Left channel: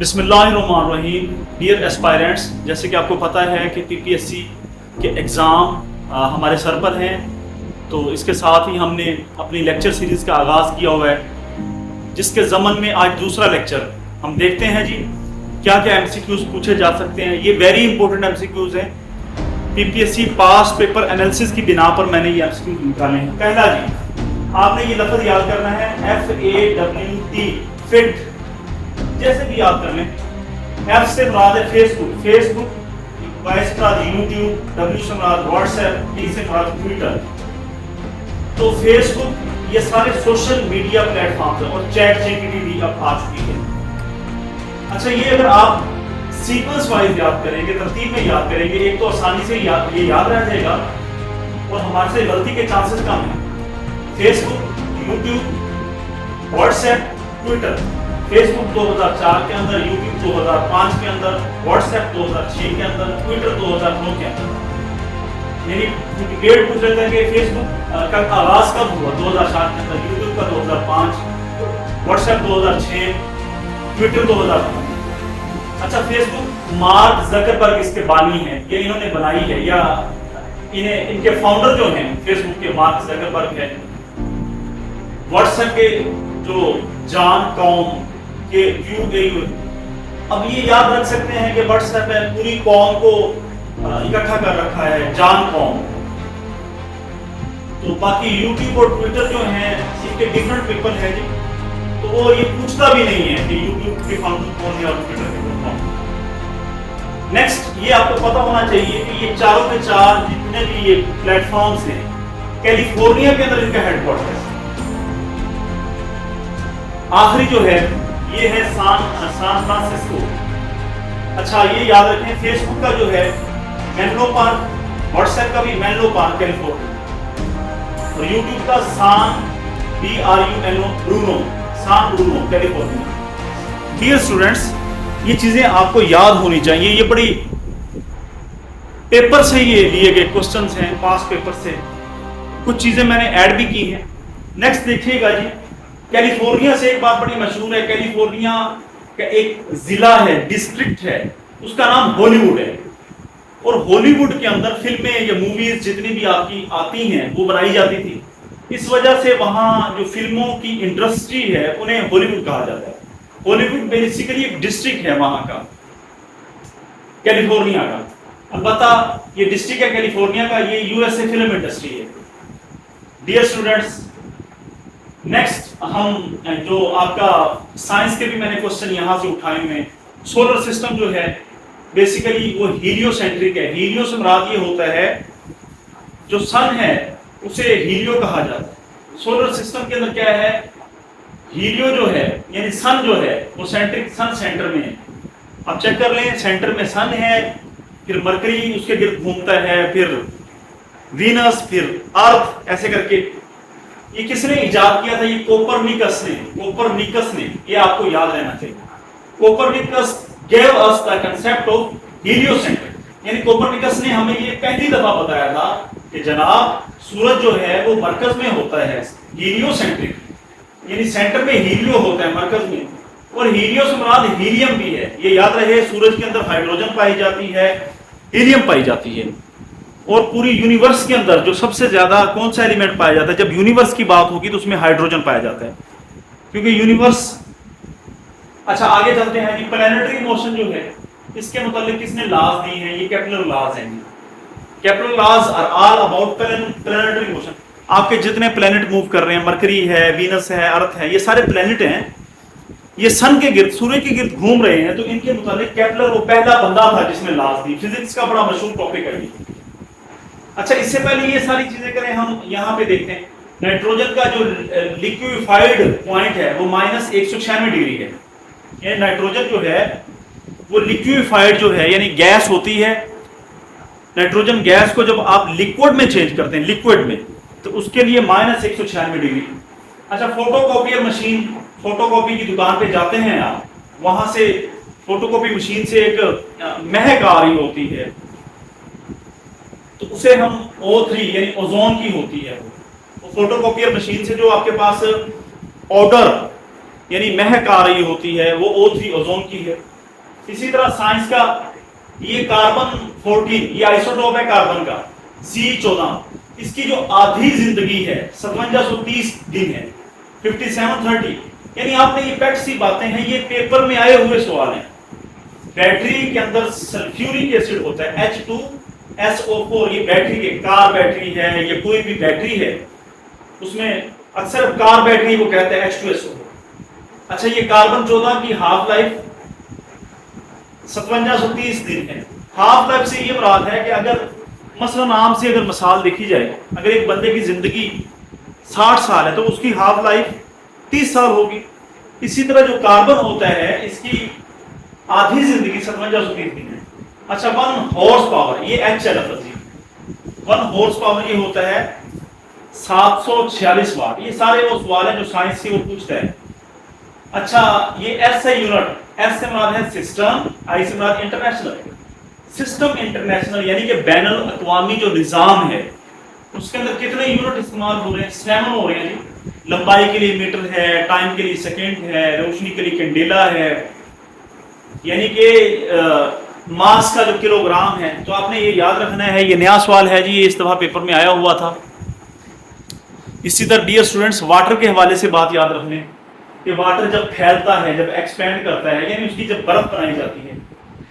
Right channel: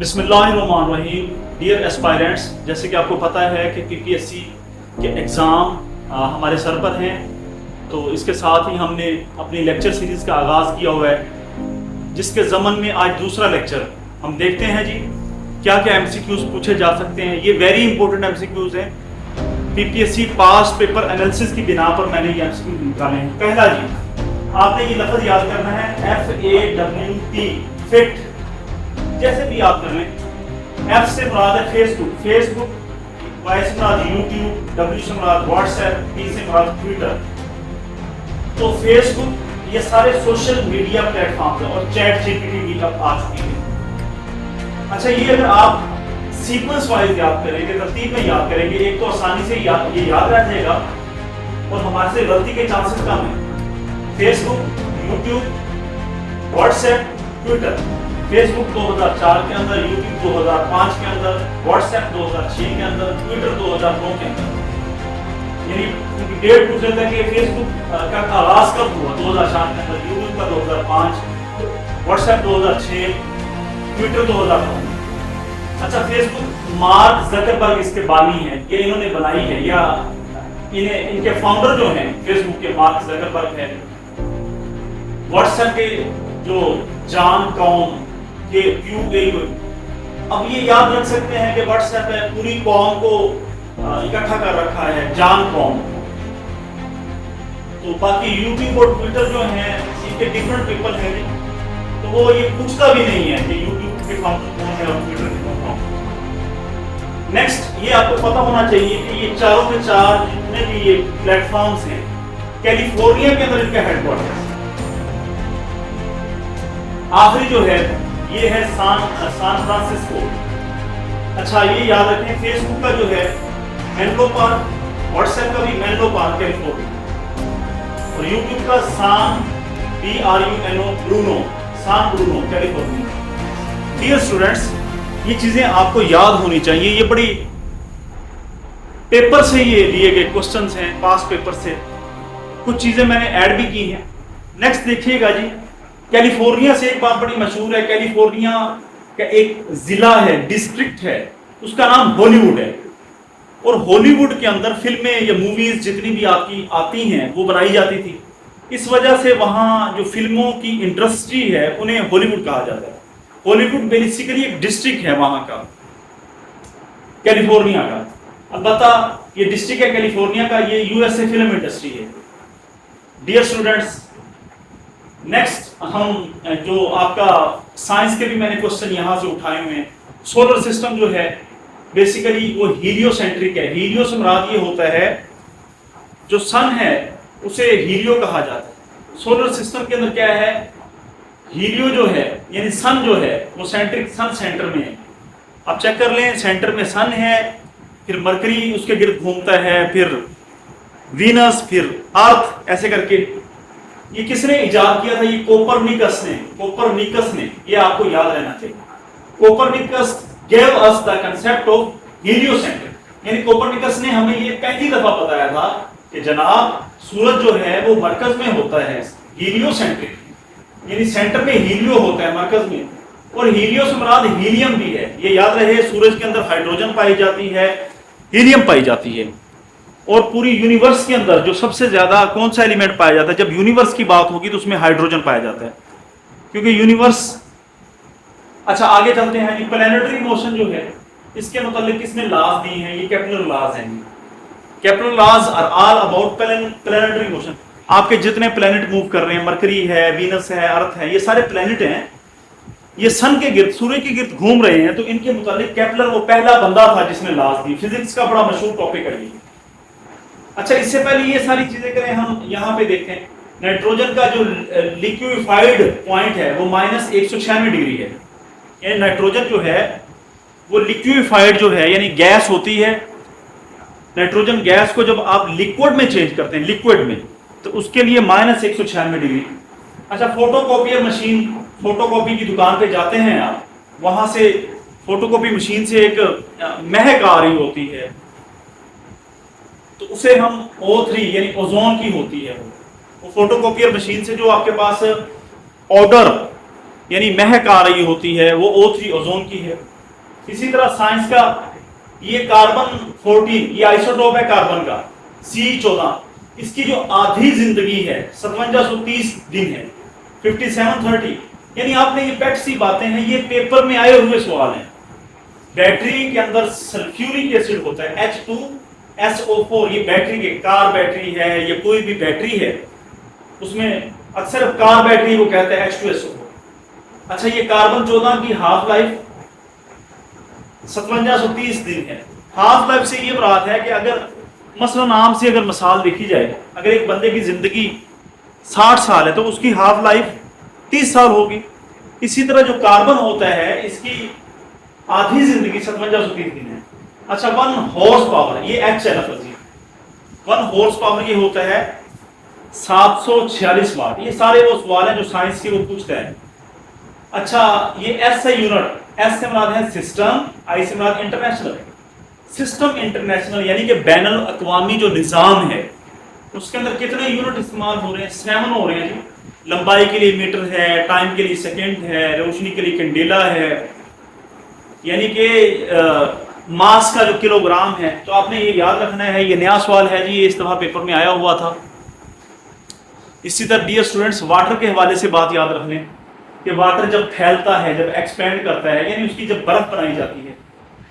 بسم اللہ الرحمن الرحیم. ڈیئر اسپائرنٹس، جیسے کہ آپ کو پتہ ہے کہ PPSC کے ایگزام ہمارے سر پر ہیں، تو اس کے ساتھ ہی ہم نے اپنی لیکچر سیریز کا آغاز کیا ہوا ہے، جس کے ضمن میں آج دوسرا لیکچر ہم دیکھتے ہیں جی کیا کیا MCQs پوچھے جا سکتے ہیں. یہ ویری امپورٹنٹ MCQs ہیں. PPSC پاس پیپر انالیسس کی بنا پر میں نے یہ MCQs نکالے ہیں. پہلا جی، آپ نے یہ لفظ یاد کرنا ہے FAWT، فٹ. جیسے بھی آپ کر لیں، ایف سے مراد ہے فیس بک، وائی سے مراد یوٹیوب، ڈبلیو سے مراد واٹس ایپ، ٹی سے مراد ٹویٹر. تو فیس بک یہ سارے سوشل میڈیا پلیٹ فارم ہیں، اور چیٹ GPT بھی اب آ چکی ہے. اچھا، یہ اگر آپ سیکوینس وائز یاد کریں گے، ترتیب میں یاد کریں گے، ایک تو آسانی سے یہ یاد رہ جائے گا اور ہمارے سے غلطی کے چانسز کم ہیں. Facebook, YouTube, WhatsApp, Twitter. Facebook 2004 کے اندر، یوٹیوب 2005 کے اندر، واٹس ایپ 2006 کے اندر، ٹویٹر 2009 کے اندر. یعنی ڈیٹ پوچھ رہا تھا کہ فیس بک کا آغاز کب ہوا، 2004 کے اندر، یوٹیوب کا 2005، واٹس ایپ 2006، ٹویٹر 2005. اچھا، فیس بک مارک زکربرگ اس کے بانی ہیں، یہ انہوں نے بنائی ہے، یا ان کے فاؤنڈر جو ہیں فیس بک کے مارک زکربرگ ہیں. واٹس ایپ کے جو جان کام کے اب یہ یاد رکھ سکتے ہیں کہ واٹس ایپ ہے پوری قوم کو اکٹھا کر رکھا ہے، جان قوم. تو باقی یوٹیوب اور ٹویٹر جو ہیں اس کے ڈیفرنٹ پیپل ہیں جی، تو وہ یہ پوچھتا بھی نہیں ہے کہ یوٹیوب کے فاؤنڈر کون ہے اور ٹویٹر کے کون ہے. نیکسٹ، یہ آپ کو پتہ ہونا چاہیے کہ یہ چاروں کے چار جتنے بھی یہ پلیٹ فارمز ہیں، کیلیفورنیا کے اندر ان کا ہیڈ کوارٹر ہے. آخری جو ہے یہ ہے سان فرانسسکو. اچھا، یہ یاد رکھیں، فیس بک کا جو ہے مینلو پارک، واٹس ایپ کا بھی مینلو پارک کیلیفورنیا، اور یوٹیوب کا سان برونو کیلیفورنیا. ڈیئر اسٹوڈنٹس، یہ چیزیں آپ کو یاد ہونی چاہیے. یہ بڑی پیپر سے یہ لیے گئے کوسچنز ہیں، پاس پیپر سے. کچھ چیزیں میں نے ایڈ بھی کی ہیں. نیکسٹ دیکھیے گا جی، کیلیفورنیا سے ایک بات بڑی مشہور ہے. کیلیفورنیا کا ایک ضلع ہے، ڈسٹرکٹ ہے، اس کا نام ہالی ووڈ ہے. اور ہالی ووڈ کے اندر فلمیں یا موویز جتنی بھی آپ کی آتی ہیں وہ بنائی جاتی تھی. اس وجہ سے وہاں جو فلموں کی انڈسٹری ہے انہیں ہالی ووڈ کہا جاتا ہے. ہالی ووڈ بیسیکلی ایک ڈسٹرکٹ ہے وہاں کا، کیلیفورنیا کا. البتہ یہ ڈسٹرکٹ ہے کیلیفورنیا کا، یہ USA فلم انڈسٹری ہے. ڈیئر اسٹوڈنٹس، نیکسٹ ہم جو آپ کا سائنس کے بھی میں نے کوسچن یہاں سے اٹھائے ہوئے ہیں. سولر سسٹم جو ہے بیسیکلی وہ ہیلیو سینٹرک ہے. ہیلیو سے مراد یہ ہوتا ہے جو سن ہے اسے ہیلیو کہا جاتا ہے. سولر سسٹم کے اندر کیا ہے، ہیلیو جو ہے یعنی سن جو ہے وہ سینٹرک، سن سینٹر میں ہے. آپ چیک کر لیں، سینٹر میں سن ہے، پھر مرکری اس کے گرد گھومتا ہے، پھر وینس، پھر ارتھ، ایسے کر کے. یہ کس نے ایجاد کیا تھا؟ یہ کوپرنیکس نے. یہ آپ کو یاد رہنا چاہیے. Copernicus gave us the concept of heliocentric. یعنی کوپرنیکس نے ہمیں یہ پہلی دفعہ بتایا تھا کہ جناب سورج جو ہے وہ مرکز میں ہوتا ہے، ہیلیوسینٹرک، یعنی سینٹر میں ہیلیو ہوتا ہے، مرکز میں. اور ہیلیو سے مراد ہیلیم بھی ہے. یہ یاد رہے، سورج کے اندر ہائیڈروجن پائی جاتی ہے، ہیلیم پائی جاتی ہے. اور پوری یونیورس کے اندر جو سب سے زیادہ کون سا ایلیمنٹ پایا جاتا ہے؟ جب یونیورس کی بات ہوگی تو اس میں ہائیڈروجن پایا جاتا ہے، کیونکہ یونیورس. اچھا، آگے چلتے ہیں. پلانیٹری موشن جو ہے اس کے متعلق کس نے لاز دی ہیں؟ یہ کیپلر لاز ہیں. Kepler laws are all about planetary motion. آپ کے جتنے پلانٹ موو کر رہے ہیں، مرکری ہے، وینس ہے، ارتھ ہے، یہ سارے پلانٹ ہیں، یہ سن کے گرد، سورج کے گرد گھوم رہے ہیں. تو ان کے متعلق کیپلر وہ پہلا بندہ تھا جس نے لاز دی. فزکس کا بڑا مشہور ٹاپک ہے. اچھا، اس سے پہلے یہ ساری چیزیں کریں، ہم یہاں پہ دیکھیں نائٹروجن کا جو لیکویفائڈ پوائنٹ ہے وہ -196 ڈگری ہے. یہ نائٹروجن جو ہے وہ لیکویفائڈ جو ہے یعنی گیس ہوتی ہے. نائٹروجن گیس کو جب آپ لیکوڈ میں چینج کرتے ہیں، لیکوڈ میں، تو اس کے لیے -196 ڈگری. اچھا، photo copier machine, photo copy کی دکان پہ جاتے ہیں آپ، وہاں سے فوٹو کاپی مشین سے ایک مہک آ رہی ہوتی ہے، تو اسے ہم O3 یعنی اوزون کی ہوتی ہے. وہ فوٹو کاپیئر مشین سے جو آپ کے پاس آڈر یعنی مہک آ رہی ہوتی ہے وہ O3 اوزون کی ہے. اسی طرح سائنس کا یہ کاربن 14 یہ آئسوٹوپ ہے کاربن کا C14 اس کی جو آدھی زندگی ہے 5730 دن ہے 5730. یعنی آپ نے یہ پیٹ سی باتیں ہیں یہ پیپر میں آئے ہوئے سوال ہیں. بیٹری کے اندر سلفیورک ایسڈ ہوتا ہے H2SO4 یہ بیٹری کے کار بیٹری ہے یا کوئی بھی بیٹری ہے اس میں اکثر کار بیٹری کو کہتے ہیں H2SO. اچھا یہ کاربن 14 کی ہاف لائف 5730 دن ہے. ہاف لائف سے یہ مراد ہے کہ اگر مثلا عام سے اگر مثال دیکھی جائے اگر ایک بندے کی زندگی 60 سال ہے تو اس کی ہاف لائف 30 سال ہوگی. اسی طرح جو کاربن ہوتا ہے اس کی آدھی زندگی 5730 دن ہے. اچھا 1 ہارس پاور یہ H ہے لفظ 1 ہارس پاور یہ ہوتا ہے 746 واٹ. یہ سارے وہ سوال ہیں جو سائنس کے وہ پوچھتا ہے. اچھا یہ ایس ہے یونٹ ایس سے مراد ہے سسٹم آئی سے مراد انٹرنیشنل. سسٹم انٹرنیشنل یعنی کہ بین الاقوامی جو نظام ہے اس کے اندر کتنے یونٹ استعمال ہو رہے ہیں 7 ہو رہے ہیں جی. لمبائی کے لیے میٹر ہے ٹائم کے لیے سیکنڈ ہے روشنی کے لیے کنڈیلا ہے یعنی کہ ماس کا جو کلو گرام ہے. تو آپ نے یہ یاد رکھنا ہے یہ نیا سوال ہے جی یہ اس دفعہ پیپر میں آیا ہوا تھا. اسی طرح ڈیئر اسٹوڈنٹس واٹر کے حوالے سے بات یاد رکھ لیں کہ واٹر جب پھیلتا ہے جب ایکسپینڈ کرتا ہے یعنی اس کی جب برف بنائی جاتی ہے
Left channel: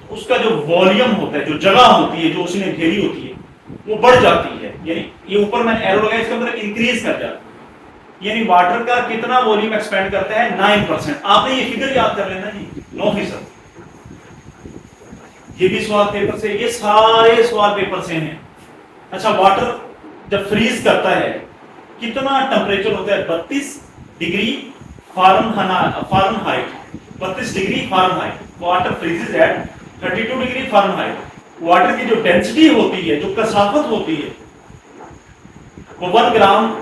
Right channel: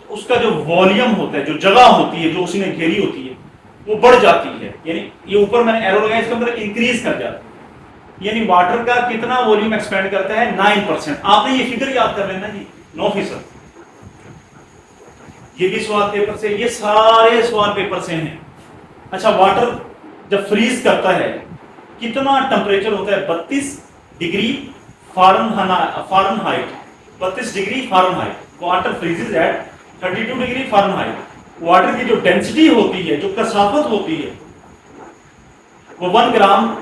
تو اس کا جو والیوم ہوتا ہے جو جگہ ہوتی ہے جو اس نے گھیری ہوتی ہے وہ بڑھ جاتی ہے. یعنی یہ اوپر میں نے ایرو لگایا اس کے اندر انکریز کر جاتا ہے. یعنی واٹر کا کتنا والیوم ایکسپینڈ کرتا ہے 9%. آپ نے یہ فگر یاد کر لینا جی 9%. یہ بھی سوال پیپر سے یہ سارے سوال پیپر سے ہیں. اچھا واٹر جب فریز کرتا ہے کتنا ٹمپریچر ہوتا ہے 32 degree Fahrenheit 32 degree Fahrenheit. Water freezes at 32 degree Fahrenheit. Water کی جو ڈینسٹی ہوتی ہے جو کثافت ہوتی ہے وہ 1 گرام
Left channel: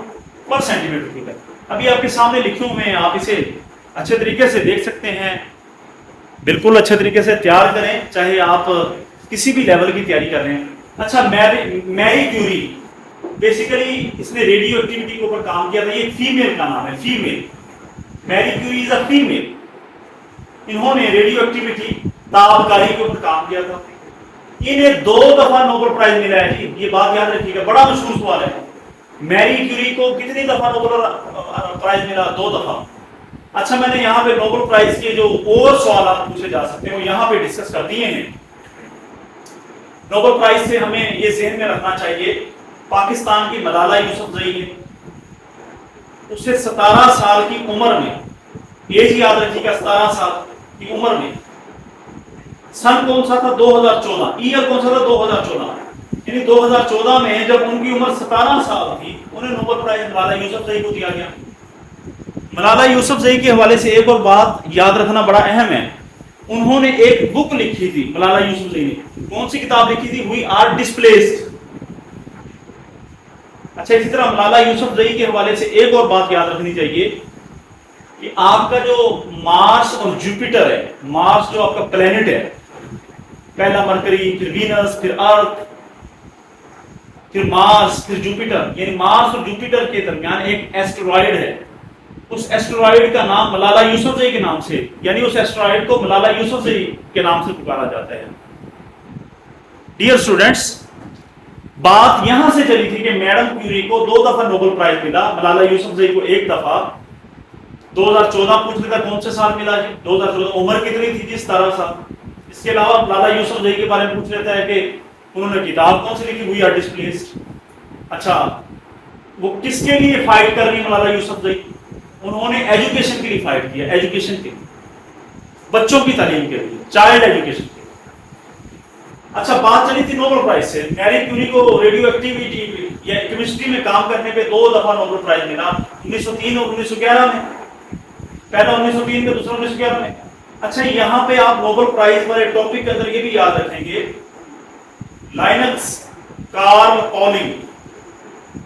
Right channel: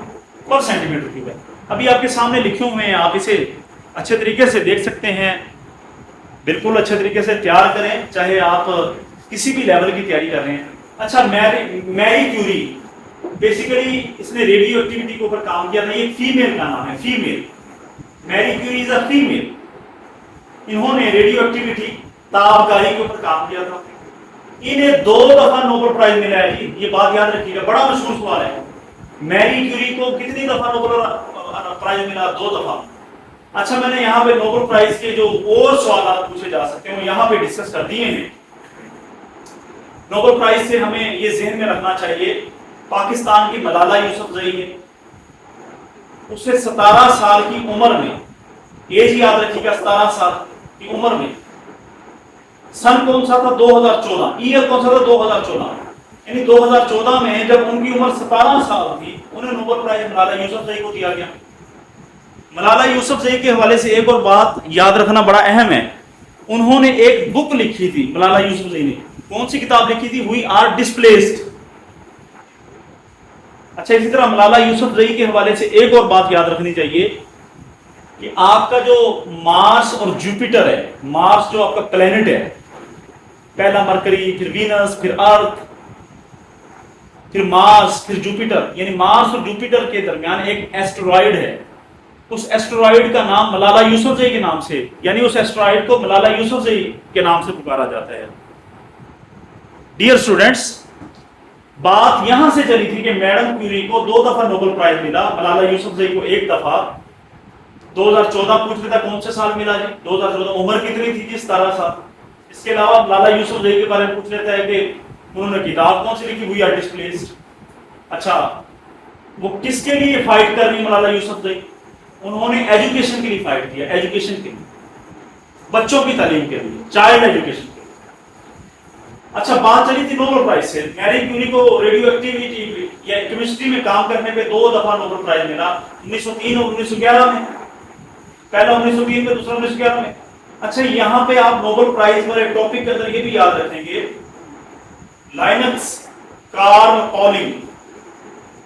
پر سینٹی میٹر کیوب ہے. ابھی آپ کے سامنے لکھے ہوئے ہیں آپ اسے اچھے طریقے سے دیکھ سکتے ہیں. بالکل اچھے طریقے سے تیار کریں چاہے آپ کسی بھی لیول کی تیاری کر رہے ہیں. اچھا میری کیوری بیسیکلی اس نے ریڈیو ایکٹیویٹی کے اوپر کام کیا تھا. یہ فیمیل کا نام ہے female Marie Curie is a female. انہوں نے ریڈیو ایکٹیویٹی تابکاری کے اوپر کام کیا تھا. انہیں 2 دفعہ نوبل پرائز ملا ہے جی. یہ بات یاد رکھیے گا بڑا مشہور سوال ہے. میری کیوری کو کتنی دفعہ نوبل پرائز ملا 2 دفعہ. اچھا میں نے یہاں پہ نوبل پرائز کے جو اور سوالات پوچھے جا سکتے ہیں وہ یہاں پہ ڈسکس کر دیے ہیں. نوبل پرائز سے ہمیں یہ ذہن میں رکھنا چاہیے پاکستان کی ملالہ یوسفزئی ہے. اس سے 17 سال کی عمر میں ایج یاد رکھیے گا 17 سال کی عمر میں سن کون سا تھا 2014 ایئر کون سا تھا 2014 یعنی 2014 میں جب ان کی عمر 17 سال تھی انہیں نوبل پرائز ملالہ یوسفزئی کو دیا گیا. ملالہ یوسفزئی کے حوالے سے ایک اور بات یاد رکھنا بڑا اہم ہے. انہوں نے ایک بک لکھی تھی ملالہ یوسفزئی نے. کون سی کتاب لکھی تھی وی آر ڈسپلیسڈ. اچھا اسی طرح ملالہ یوسفزئی کے حوالے سے ایک اور بات یاد رکھنی چاہیے کہ آپ کا جو مارس اور جوپیٹر ہے مارس جو آپ کا پلینٹ ہے پہلا مرکری پھر وینس پھر ارتھ پھر مارس پھر جوپیٹر یعنی مارس اور جوپیٹر کے درمیان ایک ایسٹرائڈ ہے. اس ایسٹرائڈ کا نام ملالہ یوسفزئی کے نام سے یعنی اس ایسٹرائڈ کو ملالہ یوسفزئی کے نام سے پکارا جاتا ہے. ڈیئر اسٹوڈنٹس بات یہاں سے چلی تھی کہ میڈم کیوری کو 2 دفعہ نوبل پرائز ملا. ملالہ یوسفزئی کو 1 دفعہ 2014 پوچھ لیتا کون سے سال ملا جی 2014 عمر کتنی تھی جی 17 سال. اس کے علاوہ ملالہ یوسفزئی کے بارے میں پوچھ لیتا ہے کہ انہوں نے کتاب کون سی لکھی وی آر ڈسپلیسڈ. اچھا وہ کس کے لیے فائٹ کر رہی ملالہ یوسفزئی انہوں نے ایجوکیشن کے لیے فائٹ کیا. ایجوکیشن کے لیے بچوں کی تعلیم کے لیے چائلڈ ایجوکیشن کے لیے. اچھا بات چلی تھی نوبل پرائز سے. میری کیوری کو ریڈیو ایکٹیویٹی یا کیمسٹری میں کام کرنے پہ 2 دفعہ نوبل پرائز ملا 1903 اور 1911 میں. پہلا 1903 میں دوسرا 1911 میں. اچھا یہاں پہ آپ نوبل پرائز والے ٹاپک کے اندر یہ بھی یاد رکھیں گے لائنکس کارل پولنگ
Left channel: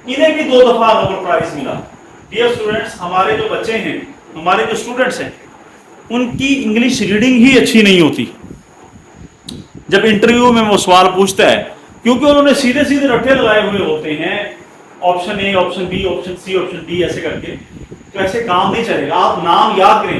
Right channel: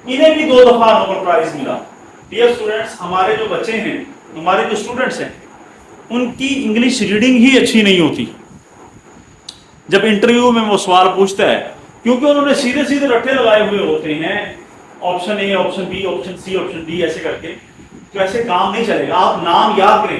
انہیں بھی 2 دفعہ نوبل پرائز ملا. ڈیئر اسٹوڈنٹس ہمارے جو بچے ہیں ہمارے جو اسٹوڈنٹس ہیں ان کی انگلش ریڈنگ ہی اچھی نہیں ہوتی. جب انٹرویو میں وہ سوال پوچھتا ہے کیونکہ انہوں نے سیدھے سیدھے رٹے لگائے ہوئے ہوتے ہیں option A option B option C option D ایسے کر کے تو ایسے کام نہیں چلے گا. آپ نام یاد کریں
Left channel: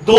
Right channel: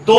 2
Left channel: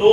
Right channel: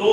2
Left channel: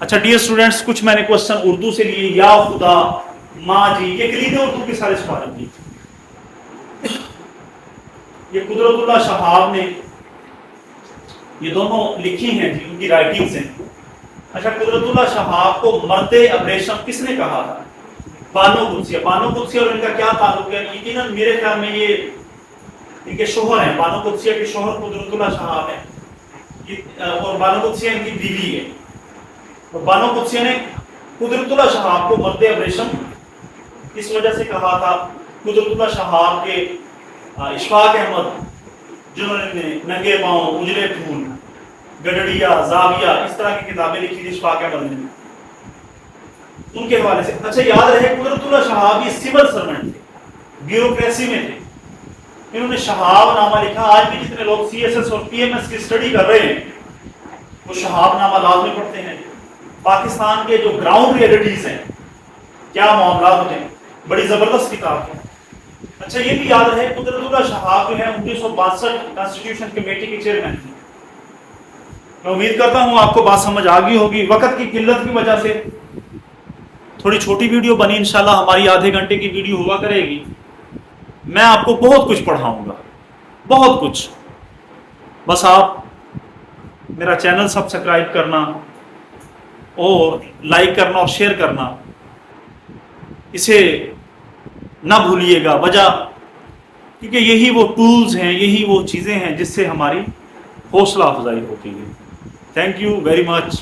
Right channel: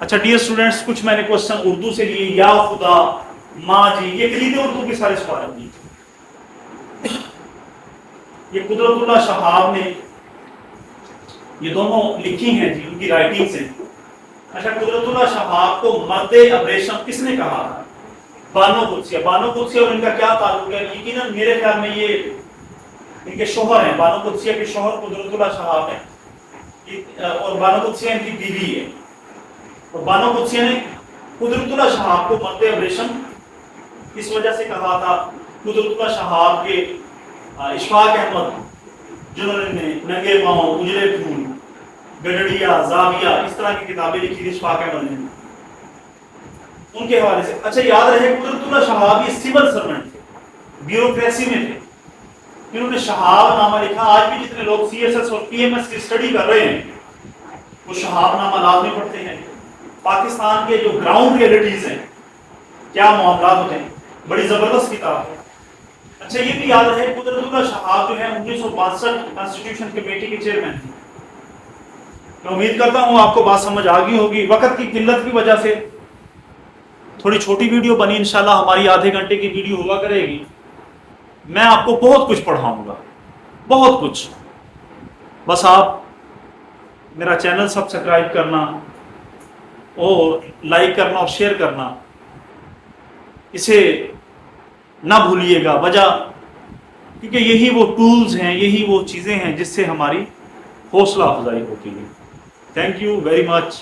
اچھا ڈیئر اسٹوڈینٹس، کچھ میں نے کوشچن اردو سے لیے. یا خدا، ماں جی، یہ کلید اردو کے سارے سوال ہیں. یہ قدرت اللہ شہاب نے یہ دونوں لکھی ہیں جی، ان کی رائٹنگس ہیں. اچھا، قدرت اللہ شہاب کو مرد ابریشم کس نے کہا تھا؟ بانو قدسیہ. بانو قدسیہ اور ان کا کیا تعلق ہے؟ یقیناً میرے خیال میں یہ ان کے شوہر ہیں. بانو قدسیہ کے شوہر قدرت اللہ شہاب ہیں، اور بانو قدسیہ ان کی بیوی ہے. اور بانو قدسیہ نے قدرت اللہ شہاب کو مرد ابریشم اس وجہ سے کہا تھا. قدرت اللہ شہاب کے اشفاق احمد، جنہوں نے ننگے پاؤں، اجلے پھول، گڈڑیا، زاویہ، اس طرح کی کتابیں لکھی تھی اشفاق احمد نے، ان کے حوالے سے. اچھا یاد رہے قدرت اللہ شہاب یہ سول سرونٹ تھے، بیوروکریسی میں تھے. انہوں نے شہاب نامہ لکھا. آج بھی جتنے لوگ سی ایس ایس اور پی ایم ایس کی اسٹڈی کر رہے ہیں وہ شہاب نامہ لازمی پڑھتے ہیں. پاکستان کے جو گراؤنڈ ریئلٹیز ہیں، کیا معاملات ہیں، بڑی زبردست کتاب ہے. اچھا یہ بھی یاد رہے قدرت اللہ شہاب جو ہے 1962 کانسٹیٹیوشن کمیٹی کے چیئرمین تھے. میں امید کرتا ہوں آپ کو بات سمجھ آ گئی ہوگی. وقت کی قلت کی وجہ سے تھوڑی چھوٹی ویڈیو بنی، انشاءاللہ ہماری آدھے گھنٹے کی ویڈیو ہوا کرے گی. میں آپ کو بہت کچھ پڑھاؤں گا، بہت کچھ. بس آپ میرا چینل سبسکرائب کرنا اور لائک کرنا اور شیئر کرنا اسے نہ بھولیے گا. وجہ کیونکہ یہی وہ ٹولز ہیں، یہی وہ چیزیں ہیں جس سے ہماری حوصلہ افزائی ہوتی ہے. Thank you very much.